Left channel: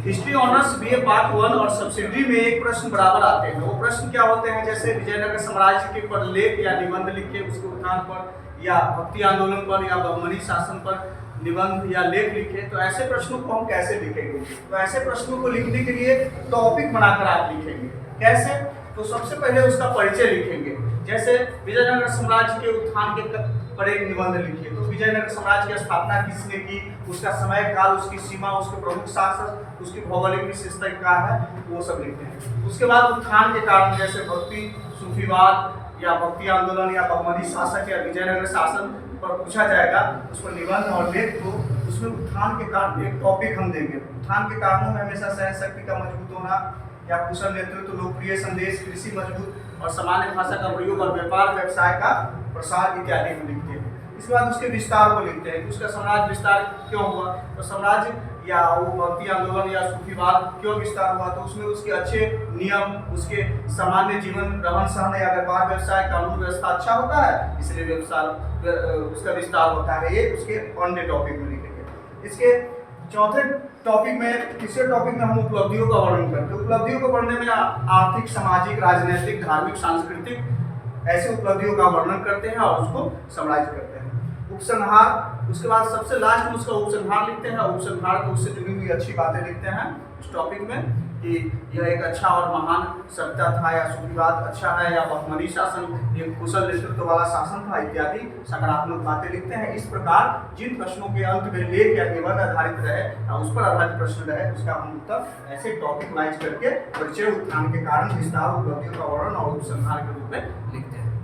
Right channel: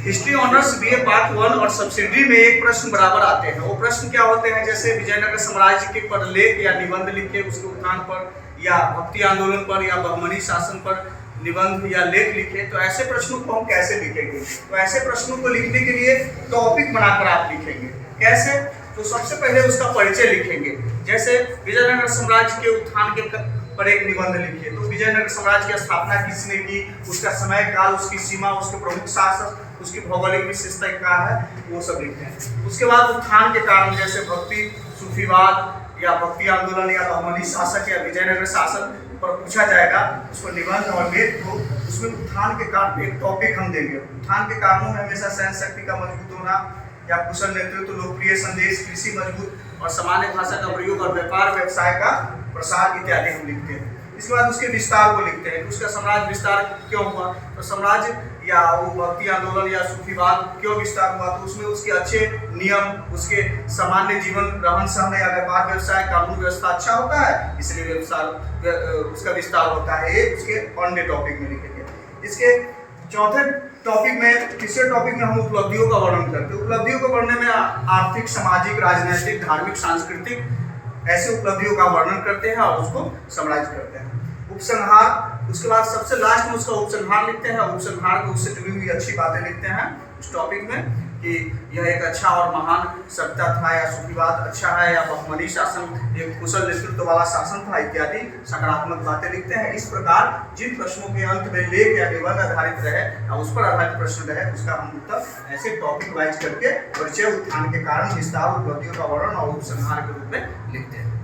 History honours BA part 1 और subsidy में एक प्रश्न बराबर आते हैं। वो प्रश्न क्या होते हैं, जैसे विजयनगर साम्राज्य के पर लेख या निबंध लिखे, उसके उत्थान पर या भक्ति आंदोलन पर या बहमनी शासन पर निबंध या लेख लिखे, तो ऐसे प्रश्नों को हम कैसे लिखेंगे? तो ऐसे प्रश्नों को लिखने के लिए टॉपिक बनाकर आप लिखेंगे। कैसे? तो सबसे पहले उसका परिचय लिखेंगे। जैसे विजयनगर साम्राज्य के उत्थान के पर एक निबंध लिखिए, तो विजयनगर साम्राज्य की स्थापना किसने की, उसका समय काल, उसकी सीमा, उसके प्रमुख शासक, उसकी भौगोलिक विशेषता क्या है, वो सब लिखते हैं। उसके बाद उत्थान के कारण, जैसे भक्ति, सूफीवाद या भक्ति आंदोलन या बहमनी शासक या विजयनगर शासन पर पूछा जाएगा, उसको निबंध और लेख को उसमें उत्थान के कारण एक टॉपिक हम देंगे। उत्थान के कारणों में हमेशा सैन्य शक्ति का मजबूत होना या कुशल नेतृत्व, लोकप्रिय संदेश, कृषि मजबूत और सामान्य भाषा का प्रयोग और व्यापार व्यवसाय का प्रसार इत्यादि हम लिखते हैं। इसके बाद उसके विस्तार को लिखते हैं, उसका साम्राज्य विस्तार क्यों हुआ, तो साम्राज्य या वो भक्ति आंदोलन या सूफीवाद क्यों विस्तार हुआ, तो उसमें उसके अच्छे नियम, उसके सामान्य जीवन, रहन सहन या व्यापार व्यवसाय, कानून व्यवस्था अच्छा होता है, इसलिए उसका विस्तार होता है। ये उसके अन्य टॉपिक में लिखेंगे। इसके चौथे टॉपिक में, तीसरे टॉपिक में हम उपलब्धियों का वर्णन करते हैं। उपलब्धियों को वर्णन में आर्थिक, सामाजिक, राजनीतिक, धार्मिक, सांस्कृतिक ऐसे उपलब्धियों का वर्णन करते हैं और उसको समराइज करते हैं। उपसंहार, उसके बाद सबसे लास्ट में उसका उपसंहार लिखते हैं। उपसंहार को उससे जुड़ी हुई अच्छी बातें लिखते हैं उस टॉपिक में, कि यह एक अच्छा और महान सभ्यता था, या सूफीवाद अच्छा है, या बहमनी शासन एक कुशल नेतृत्व वाला शासन था, इत्यादि सकारात्मक बातें लिखते हैं। इस प्रकार जिन प्रश्नों के अंत में लेख या निबंध आधारित रहे या उस पर आधारित प्रश्न रहे, उसका हम उत्तर ऐसे टॉपिक वाइज करके परिचय, उत्थान के कारण, विस्तार, उपलब्धियों का वर्णन और उपसंहार के रूप में लिखते हैं।